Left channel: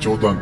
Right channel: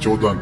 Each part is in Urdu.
14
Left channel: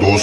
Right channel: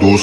2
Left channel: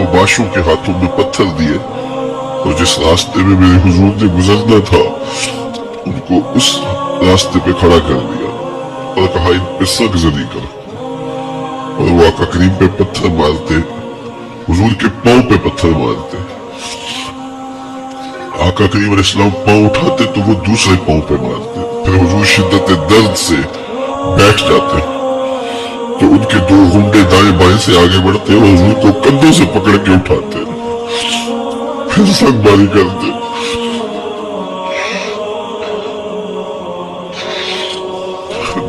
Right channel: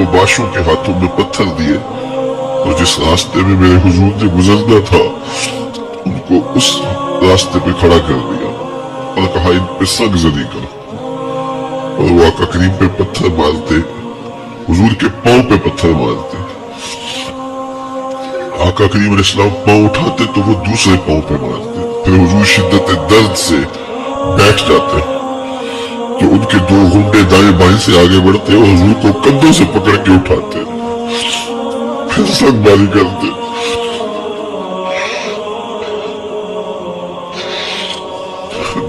اوباشوں کے ہاتھوں میں پتھر دیے اور جس راستے میں میرے حضور نے گزرنا تھا ان کو اس راستے پہ کھڑا کر دیا اور کہا ان پہ سنگ زدی کر، اور وہ آقا کریم پہ پتھر مارتے، حضور کے پاؤں پہ پتھر مارتے۔ آقا کریم علیہ السلام پاؤں اٹھاتے تو وہ دوسرے پاؤں پہ مارتے، پھر حضور شدت درد سے بیٹھ جاتے تو ان کے دو گھنٹے دائیں بائیں سے آگے بڑھتے اور حضور کو کندھوں سے پکڑ کے اٹھاتے، پھر سنگ باری کرتے۔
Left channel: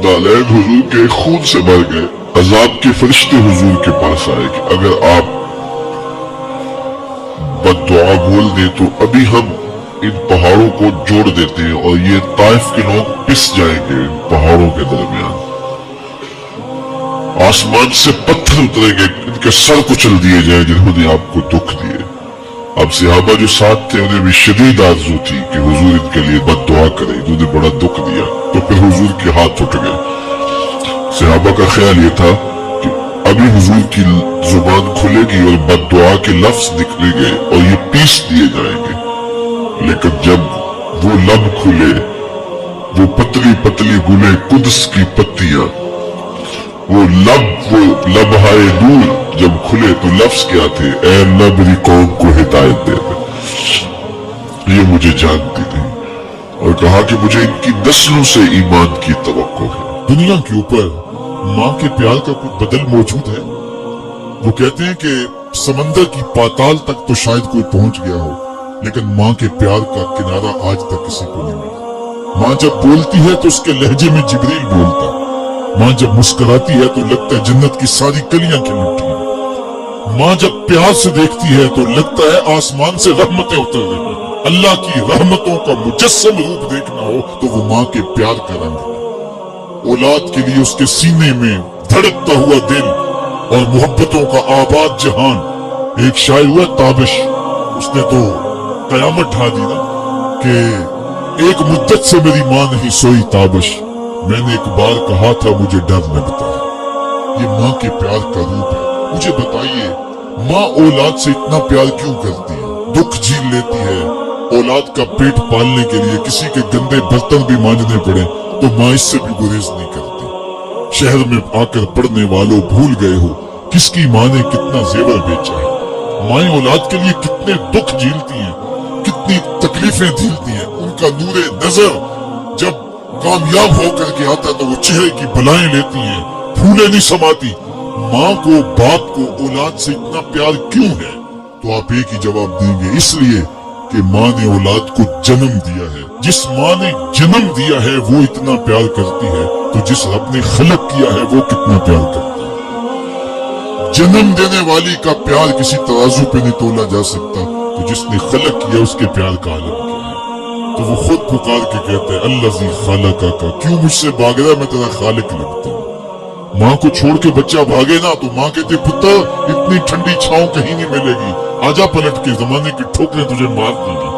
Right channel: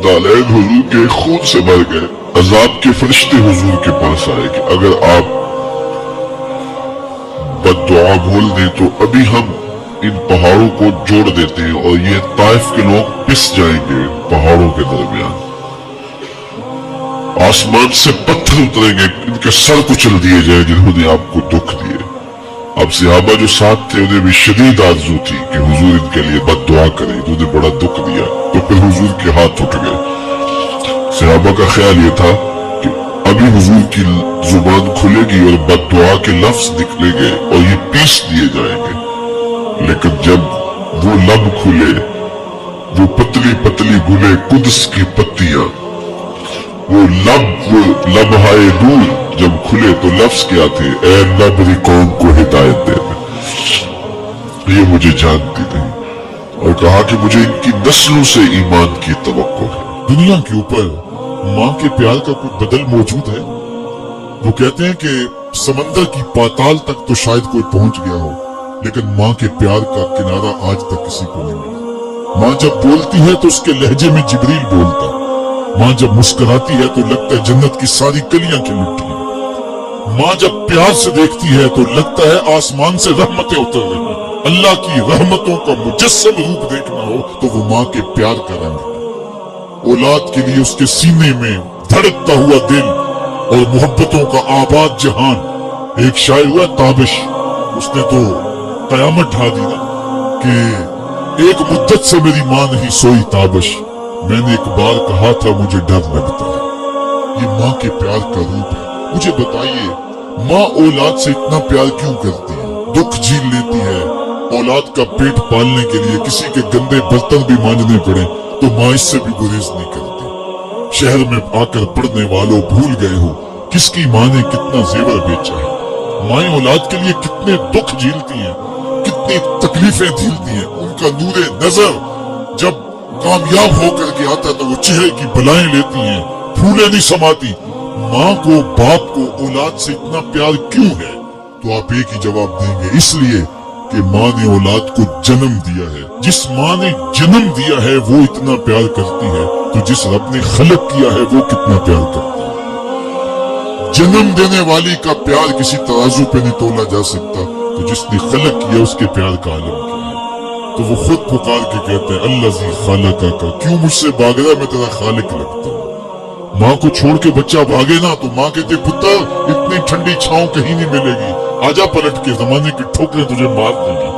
نالین حضور کے خون سے مر گئے۔ عذاب کے فرشتے حضور کے پاس آئے کہ اگر آپ بد دعا بول دیں تو ابھی ہم ان پہاڑوں کو جوڑ دیتے ہیں اور یہ طائف کے لوگ پس جائیں گے ان پہاڑوں کے درمیان، آسمان سے پتھر اتریں گے، ان کے سر کچل دیے جائیں جنہوں نے آپ کو دکھ دیے۔ اب صحابہ جو ساتھ تھے انہیں بھی شدید آرزو تھی کہ حضور ان کے لیے بد دعا کرے، انہوں نے بڑا دکھ دیا، تو پھر حضور کے ہاتھ اٹھ گئے۔ صحابہ کا خیال یہ تھا کہ ابھی حضور کی زبان کھلے گی اور بد دعا کے لفظ نکلیں گے اور یہ پیس دیے جائیں گے، لیکن جب وہ لب کھلے، وہ پتلی پتلی گلے قدس کی پتیاں، وہ لبہائے نور جب کھلے تو لفظ کیا تھے؟ اے نبری قوم کو ہدایت دے دے، یہ مجھے جانتی نہیں، اور کہا کہ مجھے ان کی نسلوں سے ایمان کی توقع ہے۔ دنیا کے اوپر ماں کے پیار کا کوئی بدل موجود ہے؟ وہ کہتے ہیں کہ سمندر کی پاتال تک تو شاید کوئی پہنچ گیا ہو، لیکن ماں کے پیار کا کنارہ آج تک کسی کو نہیں ملا۔ ماں جب بولتی ہے تو اس کے لہجے میں جبریل بولتا، ماں جب مسکراتی ہے تو لگتا ہے جنت کی ساری کلیاں کھل اٹھی ہیں، ماں جب پیار سے دیکھتی ہے تو لگتا ہے آسمان سے رحمتیں اتر رہی ہیں۔ اللہ کی رحمتوں کا مجسم روپ دیکھنا ہو تو وہ ماں کے پیار کا رنگ ہے۔ اولاد کے لیے اس کے سینے میں دھڑکتا ہوا دل اور محبتوں کا آباد جہان۔ ایک شاعر ہوا تابش، اس نے تو قیامت ڈھا دی نا کہ ایک مدت سے میری ماں نہیں سوئی تابش، میں نے ایک بار کہا تھا مجھے ڈر لگتا ہے۔ یہ ماں کے پیار کا روپ ہے۔ مجھے بتائیے ماں اولاد سے اتنا پیار کیوں کرتی ہے؟ دکھ جھیل لیتی ہے، اولاد کا پیٹ پالنے کے لیے کسی کے گندے برتن بھی مانجنے پڑے تو ماں اس سے بھی گریز نہیں کرتی۔ شہر میں آ کر پڑھنے والوں بھول گئے ہو کس کی ماں نے کتنا زیور بیچا ہے۔ مائیں اولاد کے لیے کتنے دکھ جھیلتی ہیں، کتنی تکلیفیں جھیلتی ہیں۔ ان کا نور نظر جب کامیاب ہو کر کے آتا تو وہ چہرے کی بلائیں لیتی ہیں، پھولیں نہیں سماتی۔ ماں کو باپ کو اولاد سے اتنا پیار کیوں ہے؟ تو آپ ایک ہی جواب دیں گے، اس لیے کہ ماں نے اولاد کو جنم دیا ہے۔ جس ماں نے جنم دیا ہے وہ اتنا پیار کرتی ہے تو جس رب نے خلق کیا ہے وہ کتنا پیار کرتا ہے۔ جنم دینے والی کا پیار کسی ترازو پہ نہیں تولا جا سکتا، تو جس نے خلق کیا اس کے پیار کا عالم کیا ہے؟ تو وہ خود پکار کے کہتا ہے الذی خلقک کا، کیوں مجھ سے بھاگ رہا ہے، میں تیرا خالق لگتا ہوں۔ ماں کو چھوڑ کے بچہ بھاگے نا تو ماں کہتے پتر اتنی ٹھنڈی چھاؤں کہیں نہیں ملے گی، آجا پلٹ کے، زمانے کی ٹھوکریں تجھے مار دے گی،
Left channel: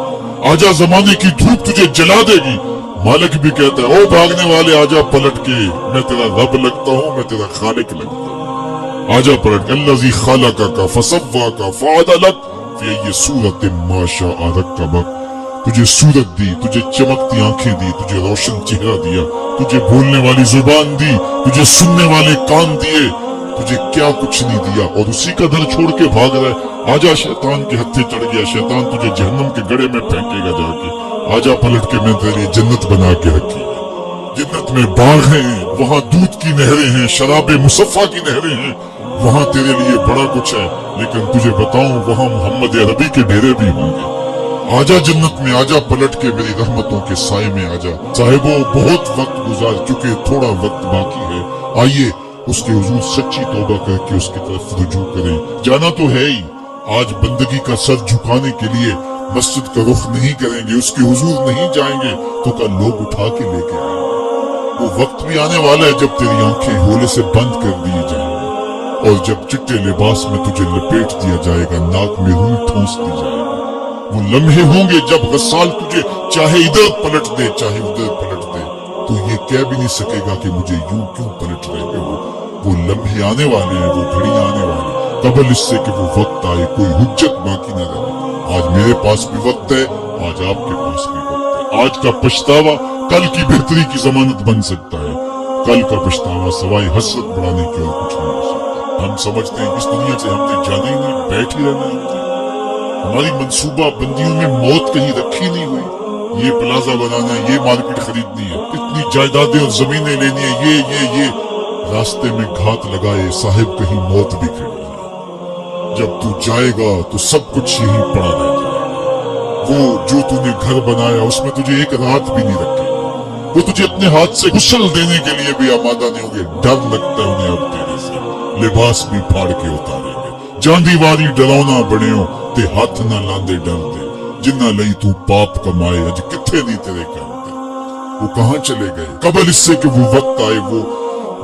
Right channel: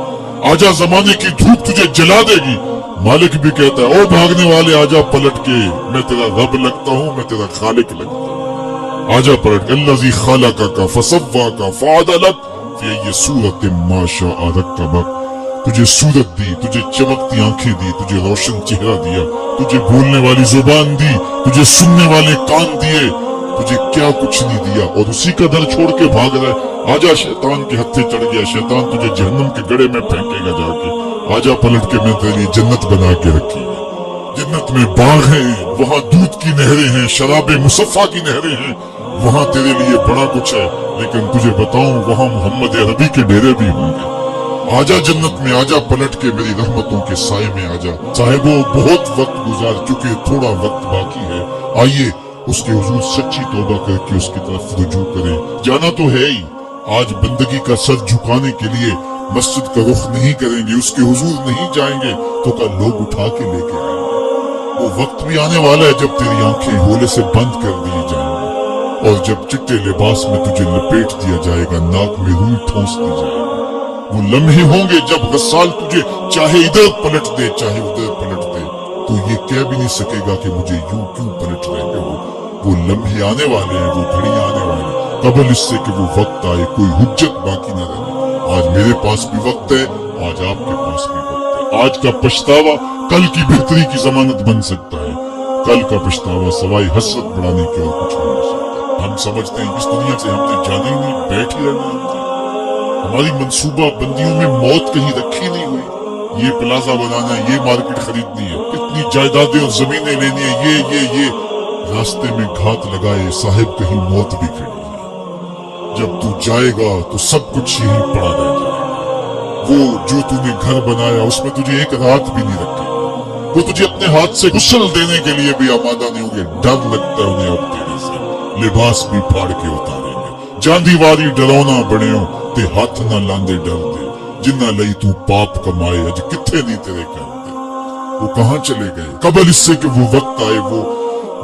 آجا زمانے کی دھوپ تجھے جلا دے گی۔ مالک بھی کہتا ہے او بھاگنے والے آجا پلٹ کے، میں تیرا رب لگتا ہوں، میں تیرا خالق لگتا ہوں، آجا پلٹ کے۔ الذی خلقک فسواک فعدلک فی ای صورت ما شاء رکبک، تجھے صورت دی، تجھے چمکتی آنکھیں دی، تجھے روشن چہرہ دیا، تجھے بولنے والی زبان دی، تجھے سننے والے کان دیے، تجھے کیا کچھ نہیں دیا، اور اسی کا در چھوڑ کے بھاگ رہا ہے۔ آجا شیطان کے ہتھے چڑھ گیا، شیطان تجھے جہنم کے گڑھے میں پھینکے گا جا کے، آجا پلٹ کے، میں تیرے لیے جنت بنا کے رکھی ہے۔ جنت میں باغ ہیں، وہاں دودھ کی نہریں ہیں، شراب مصفا کی نہریں ہیں، وہاں تیرے لیے بڑا کچھ ہے، لیکن تجھے بتاؤں وہاں محمد عربی کے ڈیرے بھی ہوں گے۔ آجا جنت میں، آجا پلٹ کے میری رحمتوں کے سائے میں آجا۔ صاحبوں بہت وقت گزار چکے، تھوڑا وقت باقی ہے، آئیے اس کے حضور سچی توبہ کر کے اس کی طرف رجوع کریں۔ جانا تو ہے ہی، آج بندگی کا سر جھکانے کے لیے مسجد کا رخ نہیں کریں گے، اس کے حضور نہیں جائیں گے تو کل لوگ اٹھا کے لے کے آئیں گے۔ وہ وقت بھی آنے والا ہے جب تیری آنکھیں ہولے سے بند کر دی جائیں گی، اور جب چٹے لباس میں تجھے لپیٹ دیا جائے گا، ناک میں روئی ٹھونس دی جائے گی۔ وہ لمحے ہوں گے جب غسال تجھے چاہے ادھر پلٹ دے چاہے ادھر پلٹ دے، تو یہ کہہ بھی نہیں سکے گا کہ مجھے یوں کیوں پلٹ رہے ہو۔ وہ لمحے آنے والے ہیں، وہ گھڑی آنے والے ہیں۔ قبل اس سے کہ وہ وقت آئے کوئی حجت باقی نہ رہے۔ آج میرے پاس بھی وقت ہے، آج آپ کے پاس بھی وقت ہے۔ آج کا پچھتاوا کل کی بہتری کی ضمانت بن سکتا ہے، کل کا پچھتاوا سوائے حسرت بڑھانے کی اور کچھ نہیں ہو سکتا۔ ہم سمجھتے ہیں اس دنیا سے ہم نے جانا ہی نہیں، بیٹھ ہی رہنا ہے۔ ہماری منصوبہ بندیوں میں موت کہیں رکھی نہیں ہوئی، یہ پلازا بنانا ہے، یہ مارکیٹ خریدنی ہے، اتنی جائیدادیں اور زمینیں لینی ہے، یہ راستے میں گھات لگائے صاحب کہیں موت بھی کھڑی ہے۔ جب تو جائے گا تو سب کچھ یہیں پڑا رہ جائے گا۔ وہ جو تو نے گھر بنایا اس میں تجھے ایک رات بھی نہیں رکھی، وہ تجھے اپنے ہاتھ سے غسل دینے کے لیے بھی آمادہ نہیں ہوگے۔ ڈر لگتا ہے انہیں اب تیرے سے، لباس بھی پھاڑ کے اتاریں گے۔ جاندی واری ڈراؤنا بڑیوں تے ہاتھ نہ لاندے ڈر دے، جنہ لئی تو پاپ کمائے اج کتھے نہیں تیرے کرتے۔ وہ کہاں چلے گئے قبل اس سے کہ وہ وقت آئے وہ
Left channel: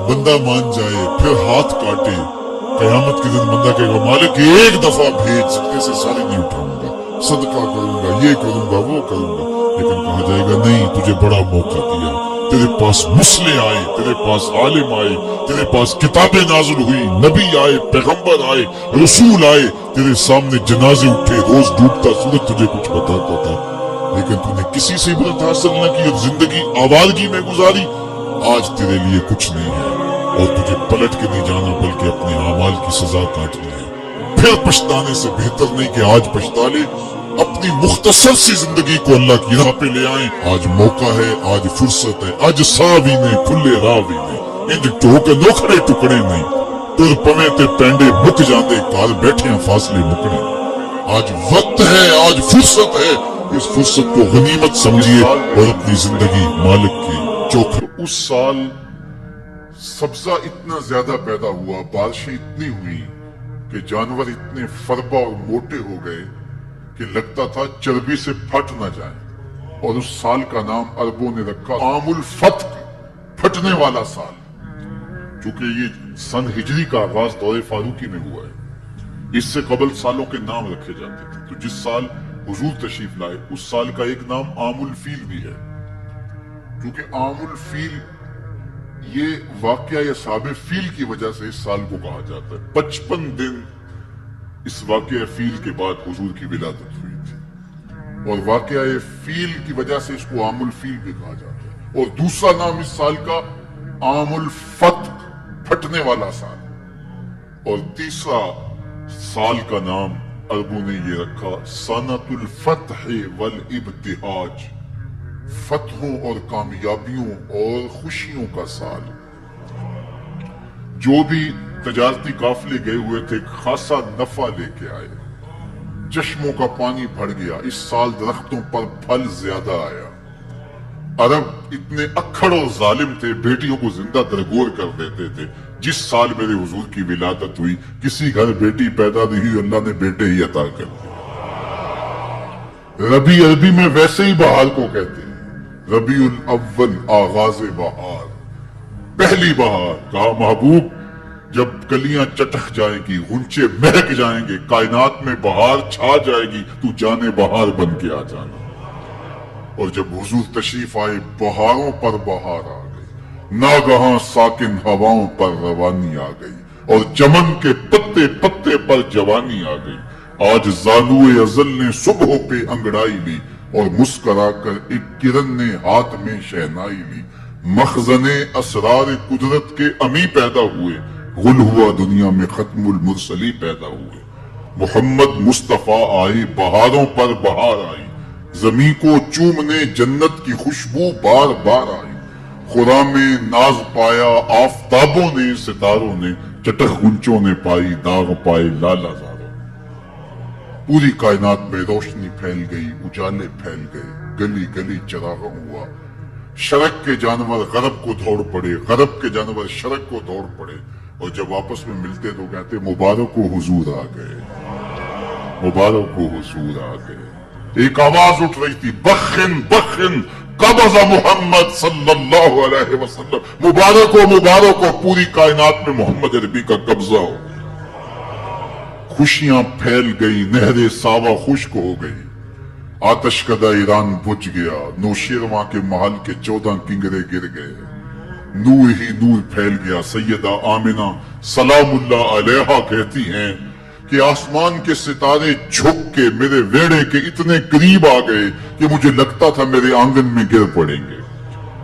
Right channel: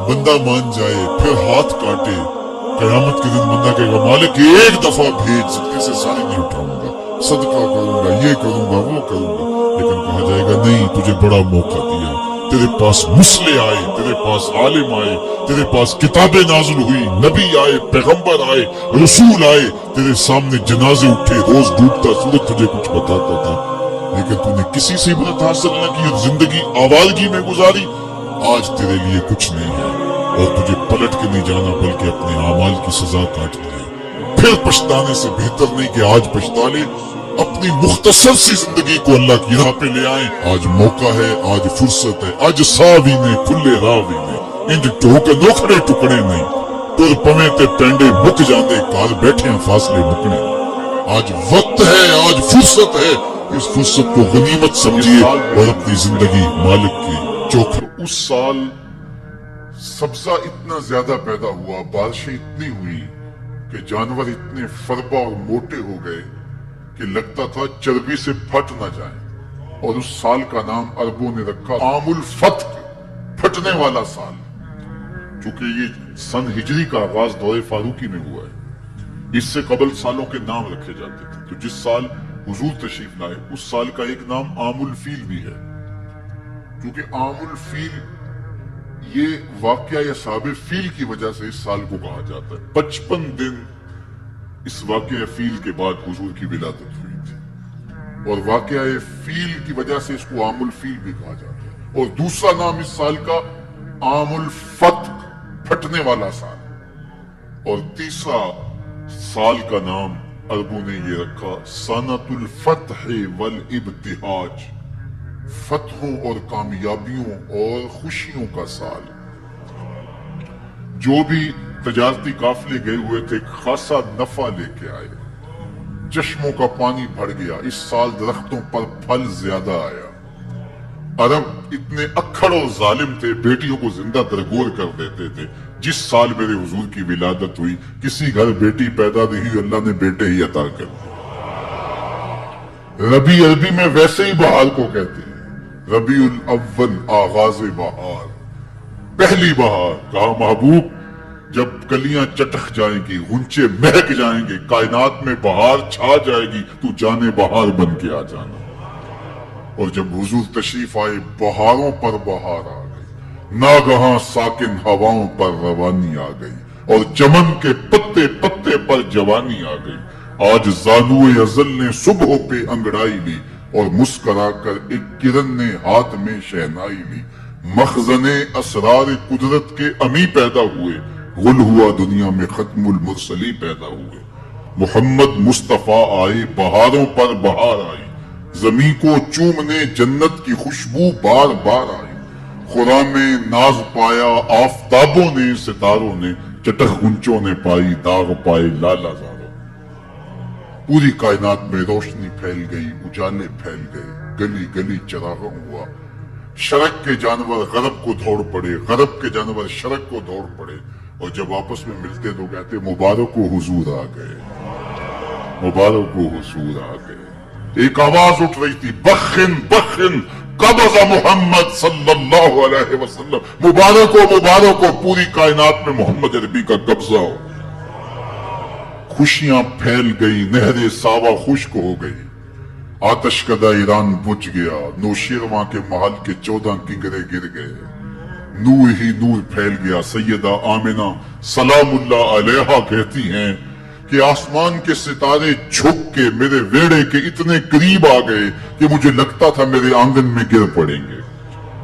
بندہ مان جائے پھر ہاتھ کاٹے۔ قیامت کے دن بندہ کہے گا مالک ایک دفعہ بھیج، سکتے سے ساری نہیں اٹھاؤں گا، صدقہ کروں گا، یہ کروں گا، وہ کروں گا۔ لیکن کہا جائے گا نہیں، تجھے بڑا موقع دیا، تیرے پاس مسلح آئے، تیرے پاس عالم آئے، تیرے پاس کتابیں نازل ہوئی، نبی آئے، پیغمبر آئے، رسول آئے، تیرے سامنے جنازے اٹھے، روز ڈوبتا سورج تجھے کچھ بتاتا تھا، لیکن تو نے کسی سے عبرت حاصل نہ کی اور زندگی آوارگی میں گزاری۔ آج تیرے لیے کچھ نہیں ہے اور تجھے پلٹ کے نہیں جانا بلکہ اپنے اعمال کی سزا کاٹنی ہے۔ پھر پچھتانے سے بہتر نہیں کہ آج پچھتا لے، اپنی مختصر سی زندگی کو اللہ کی راہ پہ لے آئیں۔ آج موقع ہے، آج فرصت ہے، آج ساوی نے کھلے راوی نے انج ٹوکے نوکھڑے ٹکڑے نہیں تر پمے تے پینڈے مک جاندے کال بیٹھے ہیں فاصلے مکنے۔ آج وقت ہے، آج فرصت ہے، اس فرصت کو غنیمت سمجھیے اور اپنی زندگی مالک کی چوکھٹ۔ اس سال سبزہ اتنا زیادہ پیدا ہوا، بارشیں اتنی ہوئی کہ جانور اتنے فربا اور موٹے ہو گئے کہ لگتا تھا چربی سے پھٹ نہ جائیں، اور اس سال کا نام عربوں نے رکھا عام الفتق، پھٹنے والا سال، چونکہ یہ سن ہجری کا آغاز دور فاروقی میں ہوا ہے۔ اس سے قبل سالوں کے نام رکھے جاتے تھے، تو جس سال حضور تشریف لائے اس سال کا ایک نام عام الفیل بھی ہے، کیونکہ عام الفیل یہ واقعہ یا صحاب فیل کی وجہ سے اس سال کو کہا جاتا ہے۔ 55 دن اس واقعہ فیل کے بعد حضور کی ولادت ہوئی تھی، اور واقعہ فیل کی وجہ سے اس کو عام الفیل بھی کہا جاتا ہے۔ اور دوسرا نام اس سال کا عام الفتق، پھٹنے والا سال، اور تیسرا سال کا نام عربوں نے یہ رکھا سنۃ الفتح والابتہاج، فتحوں اور کامیابیوں اور خوشیوں کا سال۔ جو بھی تجارتی قافلے گئے ہوئے تھے خاصا نفع لے کے آئے، چشموں کا پانی بڑھ گیا، اس سال درختوں پر پھل زیادہ آیا۔ عرب اتنے اکھڑ اور ظالم تھے، بیٹیوں کو زندہ درگور کر دیتے تھے۔ جس سال میرے حضور کی ولادت ہوئی کسی گھر بیٹی پیدا نہیں ہوئی، اللہ نے بیٹے ہی عطا کر دیے۔ ربیع عربی میں ویسے ہی بہار کو کہتے ہیں، ربیع الاول آغاز بہار، پہلی بہار۔ کہا محبوب جب کلیاں چٹک جائیں گی، غنچے مہک جائیں گے، کائنات میں بہار چھا جائے گی، تو جانے بہار بن کے آ جانا۔ اور جب حضور تشریف آئے بہاروں پر بہار آ گئی، ناگہاں ساکن ہواؤں پر روانی آ گئی، اور چمن کے پتے پتے پر جوانی آ گئی۔ آج زانوئے ازل نے صبح پہ انگڑائی لی، اور مسکرا کر ایک کرن نے ہاتھ میں شہنائی لی۔ مخزن اسرار قدرت کے امی پیدا ہوئے، غل ہوا دنیا میں ختم المرسلی پیدا ہوئے۔ محمد مصطفیٰ آئے، بہاروں پر بہار آئی، زمین کو چومنے جنت کی خوشبو بار بار آئی۔ خرام میں ناز پایا آفتابوں نے، ستاروں نے، چٹخ گنچوں نے پائی، داغ پائے لالا زاروں۔ پوری کائنات میں روشنی پھیل گئی، اجالے پھیل گئے، گلی گلی چراغاں ہوا۔ شرق کے جانور غرب کو دوڑ پڑے، غرب کے جانور شرق کو دوڑ پڑے، اور جب آپس میں ملتے تو کہتے مبارک و حضور آ گئے، مبارک و حضور آ گئے۔ ایک آواز اٹھ رہی تھی، بخن بخن قبض محمد صلی اللہ علیہ وسلم، مبارک و مبارک ہو، پوری کائنات میں محمد عربی کا قبضہ ہو۔ خوشیاں پھیل گئی، نہر ساوا خشک ہو گئی، آتش کدہ ایران بجھ گیا، نوشیروان کے محل کے 14 کنگرے گر گئے، نور ہی نور پھیل گیا. سیدہ آمنہ سلام اللہ علیہا کہتی ہیں کہ آسمان کے ستارے جھک کے میرے ویڑے کے اتنے قریب آ گئے کہ مجھے لگتا تھا میرے آنگن میں گر پڑیں گے.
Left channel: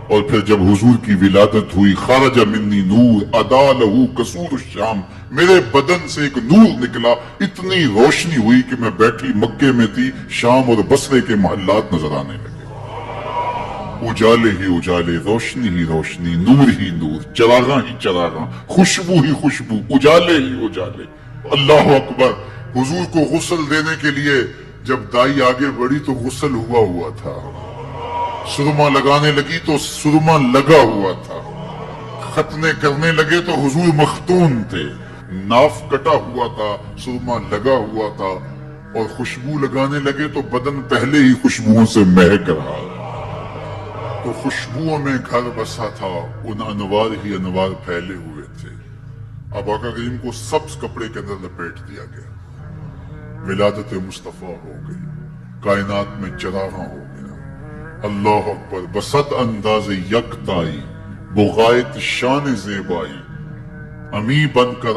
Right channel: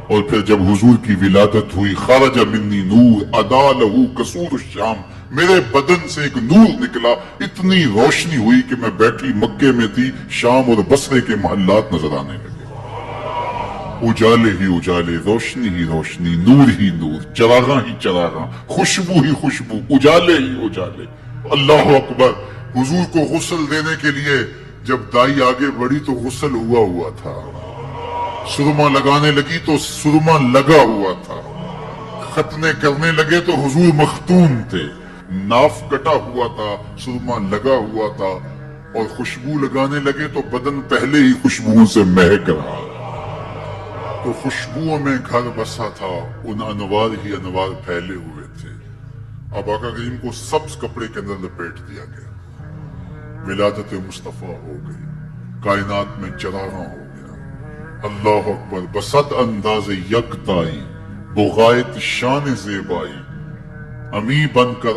اور پھر جب حضور کی ولادت ہوئی، خارج منی نور ادا لہو قصور الشام، میرے بدن سے ایک نور نکلا، اتنی روشنی ہوئی کہ میں بیٹھی مکے میں تھی، شام اور بصرے کے محلات نظر آنے لگے. اجالے ہی اجالے، روشنی ہی روشنی، نور ہی نور، چراغاں ہی چراغاں، خوشبو ہی خوشبو، اجالے ہی اجالے. اللہ اکبر. حضور کو غسل دینے کے لیے جب دائی آگے بڑھی تو غسل ہوا تھا، سرما لگانے لگی تو سرما لگا ہوا تھا، ختنے کرنے لگے تو حضور مختون تھے، ناف کٹا ہوا تھا، سرما لگا ہوا تھا، اور خوشبو لگانے لگے تو بدن پہلے ہی خوشبوؤں سے مہک رہا. تو خوشبوؤں میں گھر بسا تھا، ان انوار ہی انوار پھیلے ہوئے تھے. اب آقا کریم کو سبز کپڑے کے اندر لپیٹ دیا گیا، ولادت مصطفیٰ ہو گئی، کائنات میں چراغاں ہو گیا. اللہ اکبر. بصد انداز یکتائی، بغایت شان زیبائی، امی بن کر